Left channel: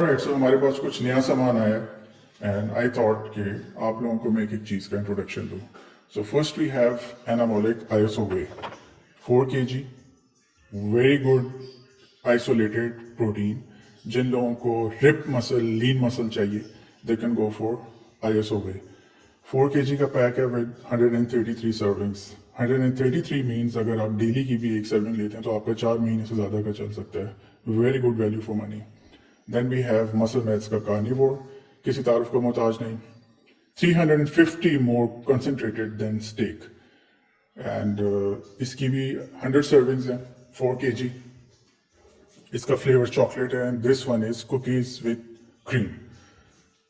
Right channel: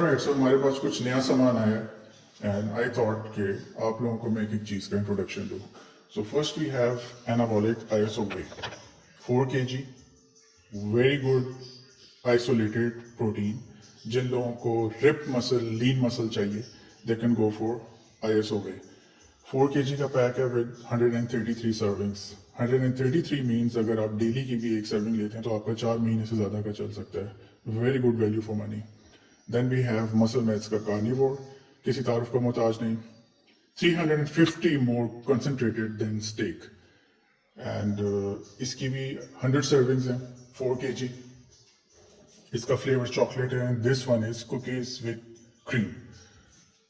Alright, सो हमारे पास कुछ नया सामान आया है एंड आई थॉट कि आप लोगों को मैं एक चीज़ का इंट्रोडक्शन दूँ. So first we have anabolic ISO whey 4 kg, very good isolated protein. जिन लोगों को रिप मसल, लीन मसल चाहिए, they can go for ISO whey. 4 kg का पैक है विद 133 सर्विंग्स. 133 मीन्स अगर आप डेली की भी एक सर्विंग लेते हैं तो आपका 4 महीने से ज़्यादा का चल सकता है. Very good value for money. Then we have muscle meds का कार्निवोर, किसी तारुफ का मोहताज नहीं. 350 more concentrated than steak and इसकी भी 100 सर्विंग्स हैं. 4 kg. इसका फ्लेवर चॉकलेट है and this one is cookies with cream.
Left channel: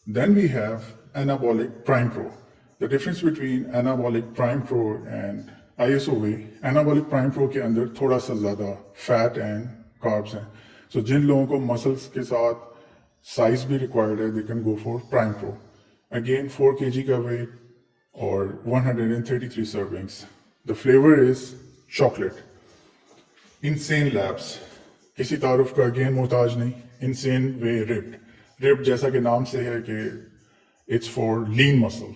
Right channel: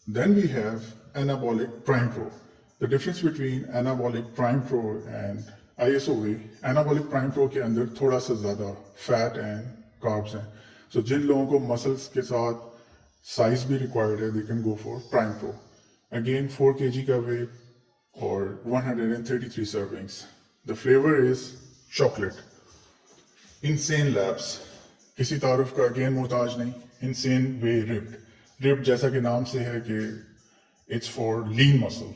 Then we have Anabolic Prime Pro. The difference between Anabolic Prime Pro and ISOV, Anabolic Prime Pro के अंदर थोड़ा सा ज़्यादा फैट एंड कार्ब्स हैं. So जिन लोगों को मसल्स के साथ साइज भी रिक्वायर्ड है, they can go for Prime Pro. Again 4 kg का वेट और 133 servings. The flavor is chocolate. Insane Labs, किसी तारुफ का अगेन मोहताज नहीं. Insane Way Ripped. रिप जैसा कि नाम से है कि it's for lean muscle.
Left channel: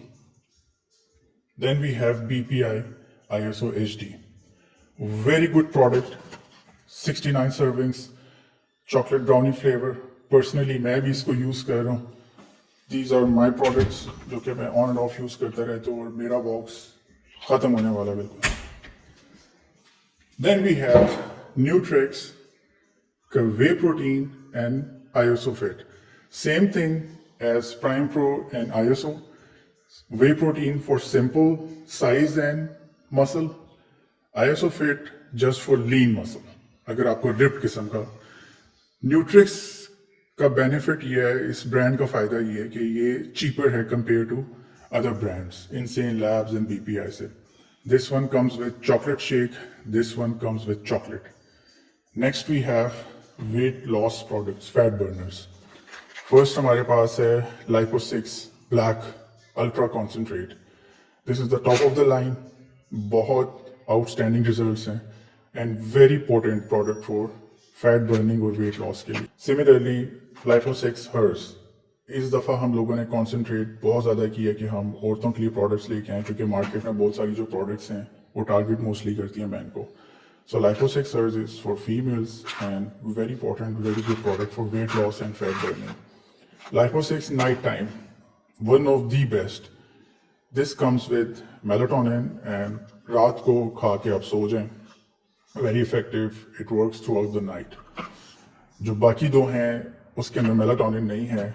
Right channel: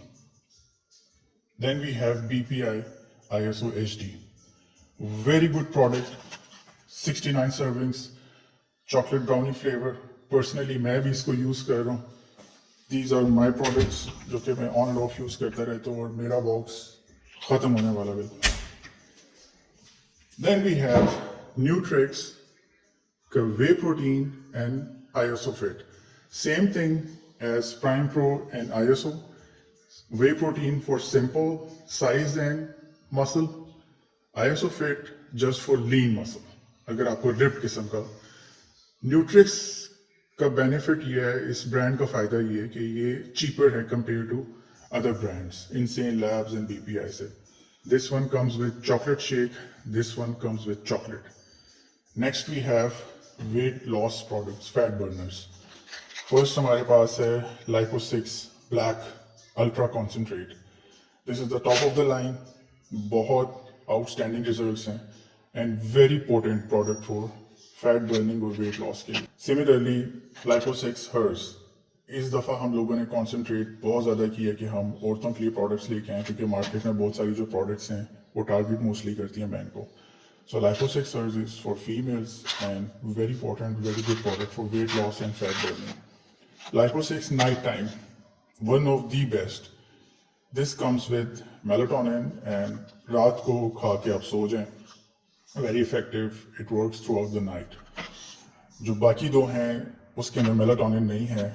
Then we have BPI ISO HD, very good product. 69 servings, chocolate brownie flavour. Personally मैं भी इसको यूज कर रहा हूँ. दीज आर माई प्रोडक्ट्स जो कि मैं ऑन एंड ऑफ यूज करता रहता हूँ और मेरा बॉक्स खत्म होने वाला बिल्कुल. देन वी हैव न्यूट्रिक्स का whey protein and ISO fit. Same thing as Prime Pro and ISO. Whey protein for simple size and muscle. ISO Fit just for lean muscle. अगर आपको रिप किस्म का. न्यूट्रिक्स का बेनिफिट ये है, इस brand का फायदा ये है कि ये चीपर है compare to other brands, Insane Labs and BPI से. This one comes with chocolate shake. This one comes with chocolate. Next we have weight loss products, fat burners. First हमारे पास है Lipo6 black ultra concentrate. This is the top of the line. बहुत outstanding results हैं and very potent product for fat burning और weight loss के लिए. Similarly Lipo6 hers. इस दफ़ा हम लोगों ने कॉन्सेंट्रेट बहुत ज़्यादा किया कि हम औरतों के लिए प्रोडक्ट्स लेके आए, क्योंकि मार्केट में बहुत सारी जो प्रोडक्ट्स हैं वो टारगेट मोस्टली करती हैं मैन को. So Lipo6 hers is for females and very important, very good product for weight loss and fat burning. Lipo6 nighttime, one of the best. This comes with melatonin and रात को खा के आप सो जाएं. Very effective. It works throughout the night. जो बाकी दो हैं उसके अंदर melatonin नहीं है.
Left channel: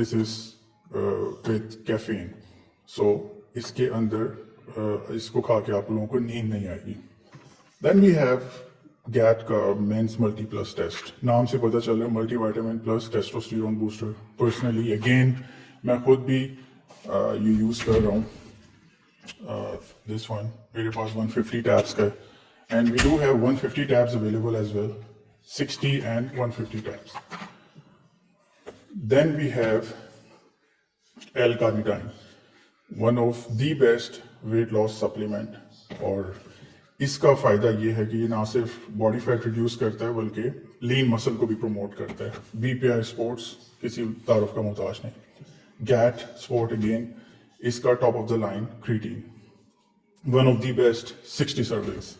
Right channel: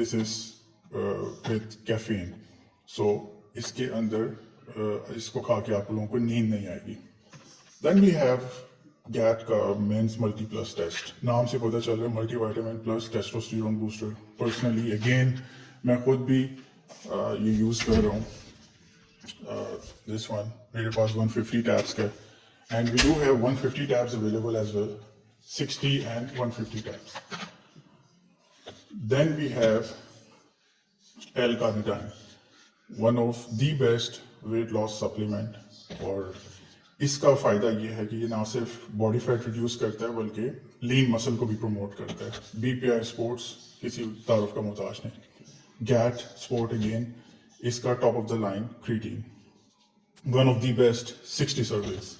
This is with caffeine. So इसके अंदर इसको खा के आप लोगों को नींद नहीं आएगी. Then we have GAT का मेंस मल्टी प्लस टेस्ट. नाम से पता चल रहा है multi vitamin plus testosterone booster. Personally again मैं खुद भी ये यूज़ कर रहा हूँ. दिस वन मेरे पास 150 टैब्स का है and we do have 150 tabs available as well. 60 and 150 tabs. Then we have L-carnitine, one of the best weight loss supplement. और इसका फ़ायदा ये है कि ये ना सिर्फ बॉडी फैट रिड्यूस करता है बल्कि लीन मसल को भी प्रमोट करता है. बीपीआई स्पोर्ट्स किसी तारुफ का मोहताज नहीं. गैट स्पोर्ट अगेन, इसका top of the line creatine, one of the best. 60 servings.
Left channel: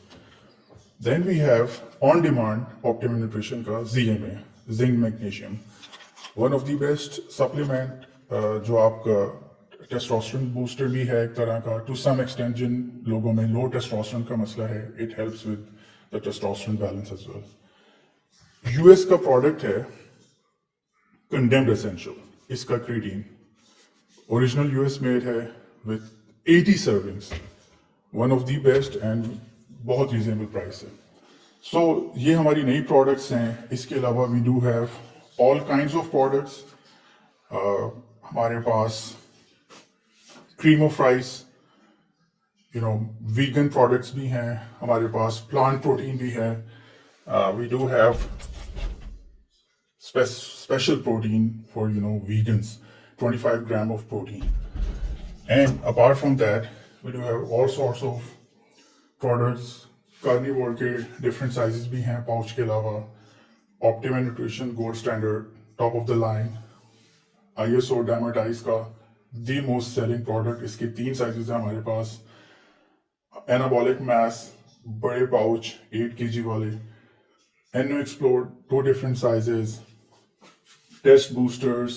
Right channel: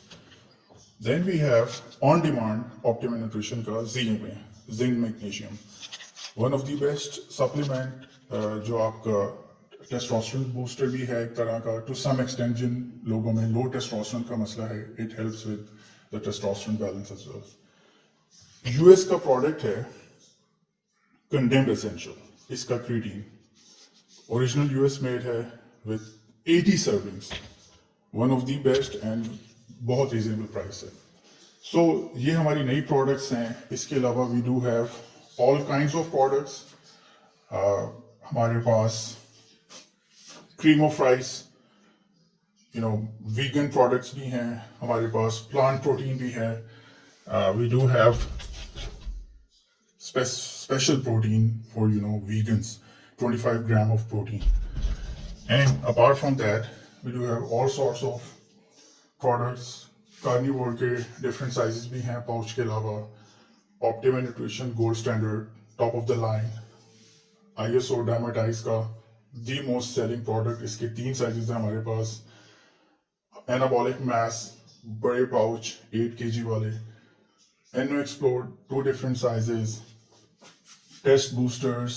Then we have on demand optimum nutrition का ZMA, zinc magnesium, one of the best supplement जो आपका टेस्टोस्टेरोन बूस्टर भी है एक तरह का. टू सम एक्सटेंट जिन लोगों में लो टेस्टोस्टेरोन का मसला है, it helps with the testosterone balance as well. US का प्रोडक्ट है कंडेम्ड एसेंशियल. इसका क्रीटीन ओरिजिनल यूएस मेड है with 80 servings. One of the best and बहुत रीजनेबल प्राइस है. सो ये हमारी नई प्रोडक्ट्स हैं. इसके अलावा we do have all kinds of products. हमारे पास cream of rice, vegan products भी हैं. हमारे पास प्लांट प्रोटीन भी है. We do have special protein for vegans, 25 gram of protein. And apart from that we do have all sorts of products. Carnivor के different sizes भी हैं pouch के अलावा. Optimum nutrition gold standard top of the line ISO Dermatize का the most selling product. इसके 3 sizes हैं हमारे पास. Anabolic mass बड़े pouch 8 kg वाले. Eno Explode 2 different sizes. Test boosters,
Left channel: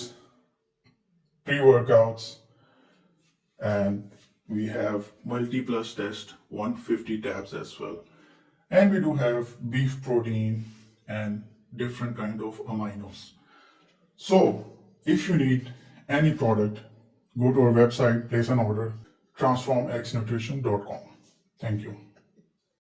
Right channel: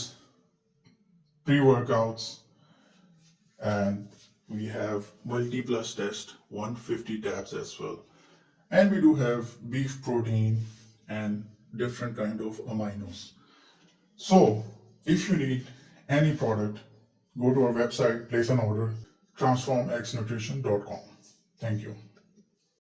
pre-workouts, and we have multi-plus test 150 tabs as well. And we do have beef protein and different kind of aminos. So if you need any product, go to our website, place an order, transformxnutrition.com. Thank you.